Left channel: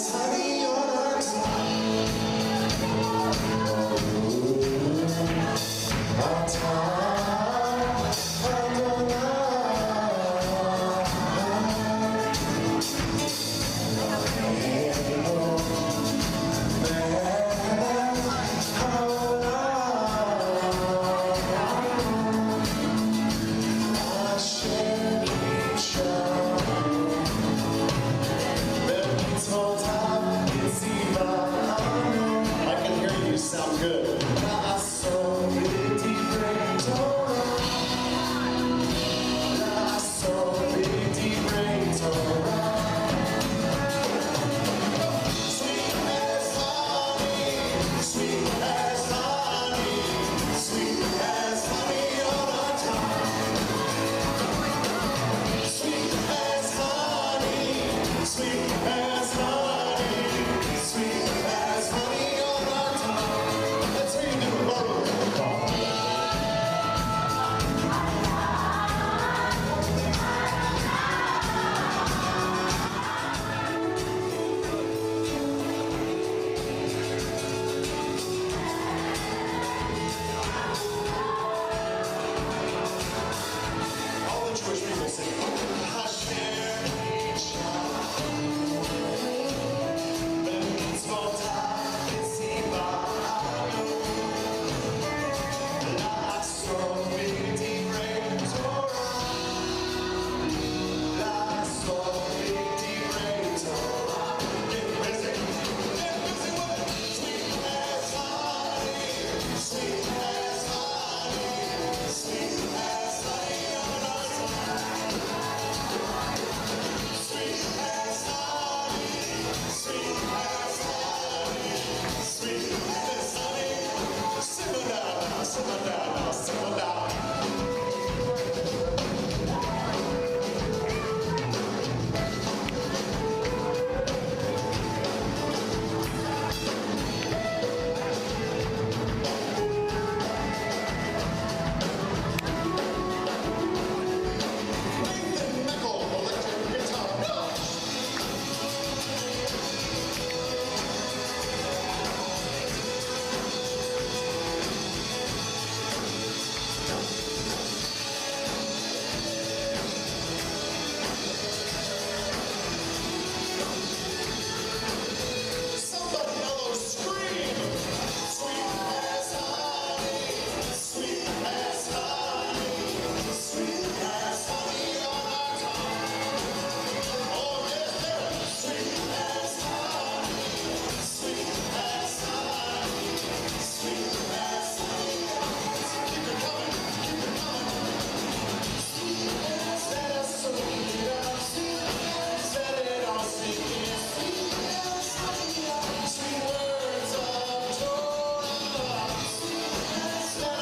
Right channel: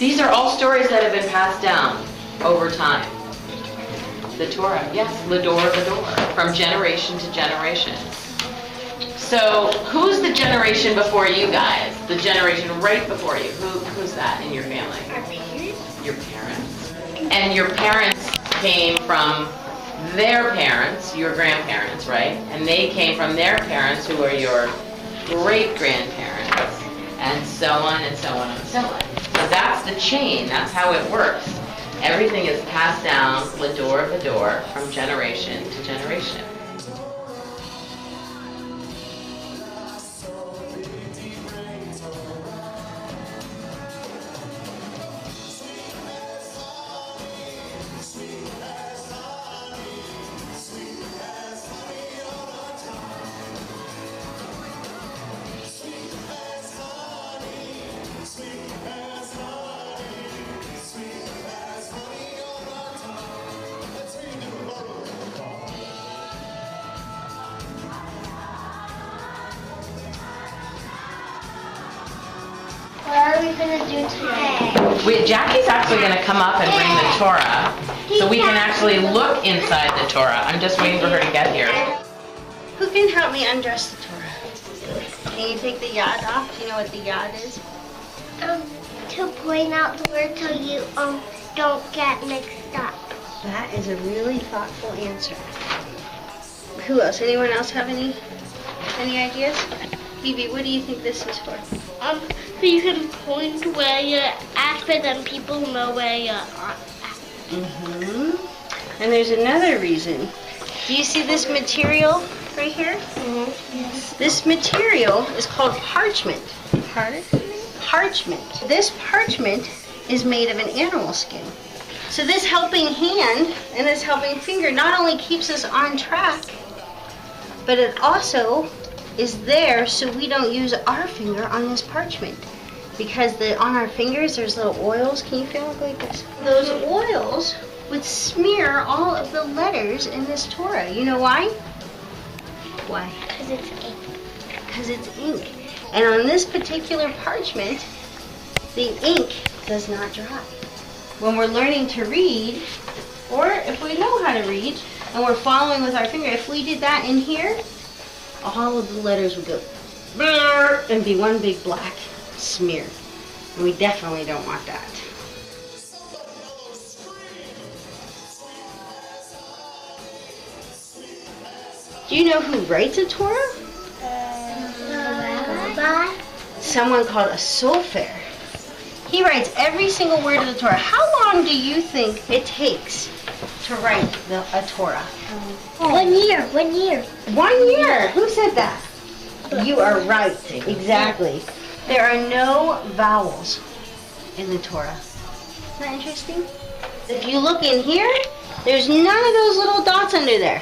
These are all stories that have been passed down over time. The Torah, yeah, the door, from generation to generation. So, who's the generation before you guys? The generation right before you? Who's that in your family? Your parents. And your parents came from their parents, your grandparents, right? And they came from their parents, who are your great-grandparents, and so on and so on and so on. So that's the chain. That's how it works. Everything is passed down, door to door, from generation to generation. Jackie's actually going to come up and bring the Torah, so we can actually look inside the Torah. I'm just waiting for her to get here. Who can help me undress the Torah? Can you take the yad off? You know what the yad is? To point out where so you don't get mixed up. That is a really thoughtful answer. Who else? Anyone else have any ideas? Phoebe, what do you think this is for? So you can point to where you're at, but then people know where you're at. And there's another reason. Do you see this material right here? This material is called parchment. Pardon? Parchment. This parchment is made of an animal skin. So this helping hand and this helping finger not only keeps us on track, but it also is there so we don't use our finger on this parchment. Because on our fingers there's little oils. Can you feel this? Those oils would smear all of the letters in this Torah. You know why? Why? Because it's ink. And on this particular parchment, the ink does not dry. When we're learning to read, or if we know how to read, and we're following with our finger, if we did that in here, all of the letters would go blur and be one big black smear. And we definitely don't want that. Do you know who writes a Torah? Someone called a sofer. He writes every single word of the Torah. How long do you think it takes to write a Torah? 1 year. 1 year. Who said that? You are right. Exactly. There are no vowels in the Torah. If you look in here, there's none of those little dots under there.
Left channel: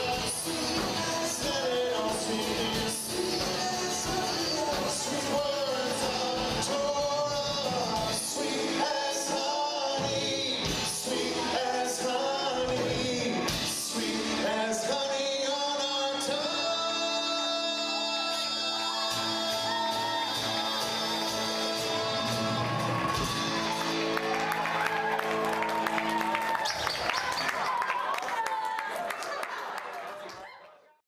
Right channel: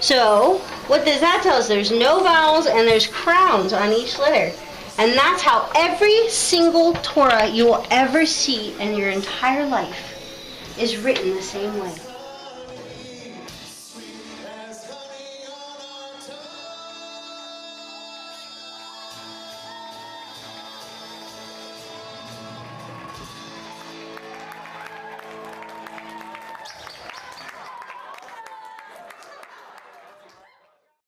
So, what does that tell us? There's no vowels and there's crowns on each letter. And that's how every single Torah you will ever see in your entire life is written the same way.